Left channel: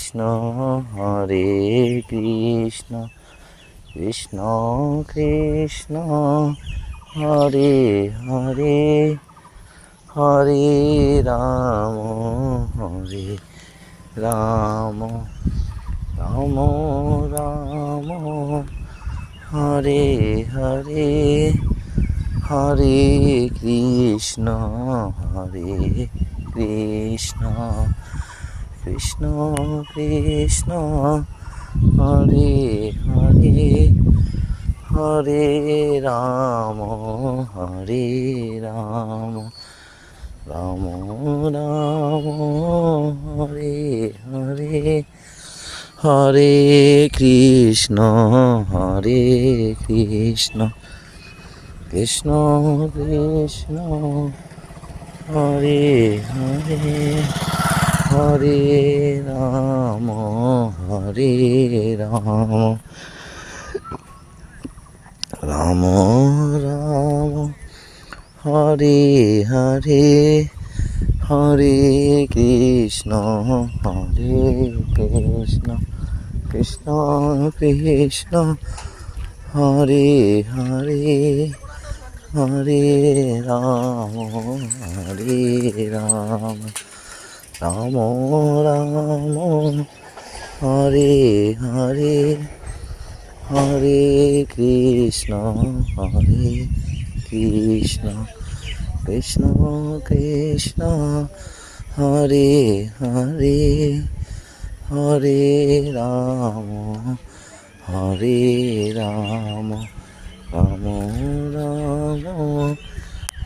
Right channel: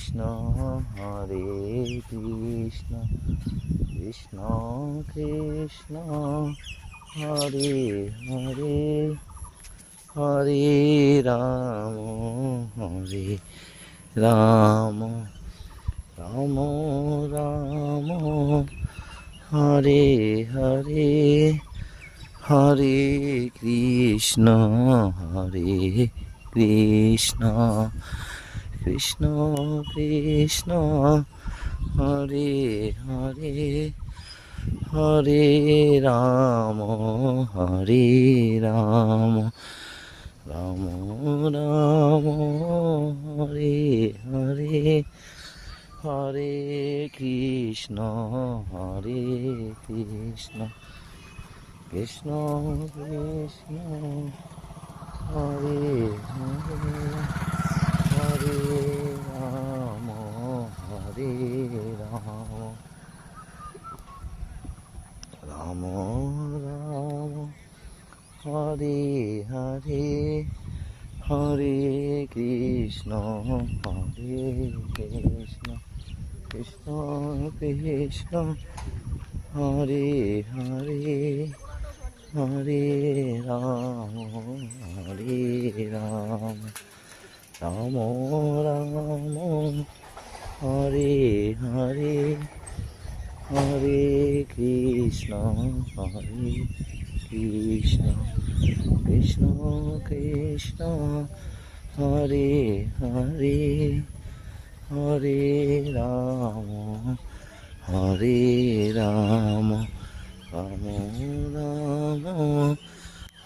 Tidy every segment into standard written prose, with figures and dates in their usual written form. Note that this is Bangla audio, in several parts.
হরে কৃষ্ণ কৃষ্ণ কৃষ্ণ হরে হরে হরে রাম হরে রাম রাম রাম হরে হরে হরে কৃষ্ণ কৃষ্ণ কৃষ্ণ হরে হরে হরে রাম রাম রাম হরে হরে হরে কৃষ্ণ কৃষ্ণ কৃষ্ণ হরে হরে হরে রাম রাম রাম হরে হরে হরে কৃষ্ণ কৃষ্ণ কৃষ্ণ হরে হরে হরে রাম রাম রাম হরে হরে হরে কৃষ্ণ কৃষ্ণ কৃষ্ণ হরে হরে হরে রাম রাম রাম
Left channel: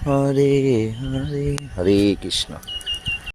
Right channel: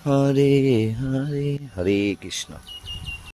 হরে হরে হরে কৃষ্ণ।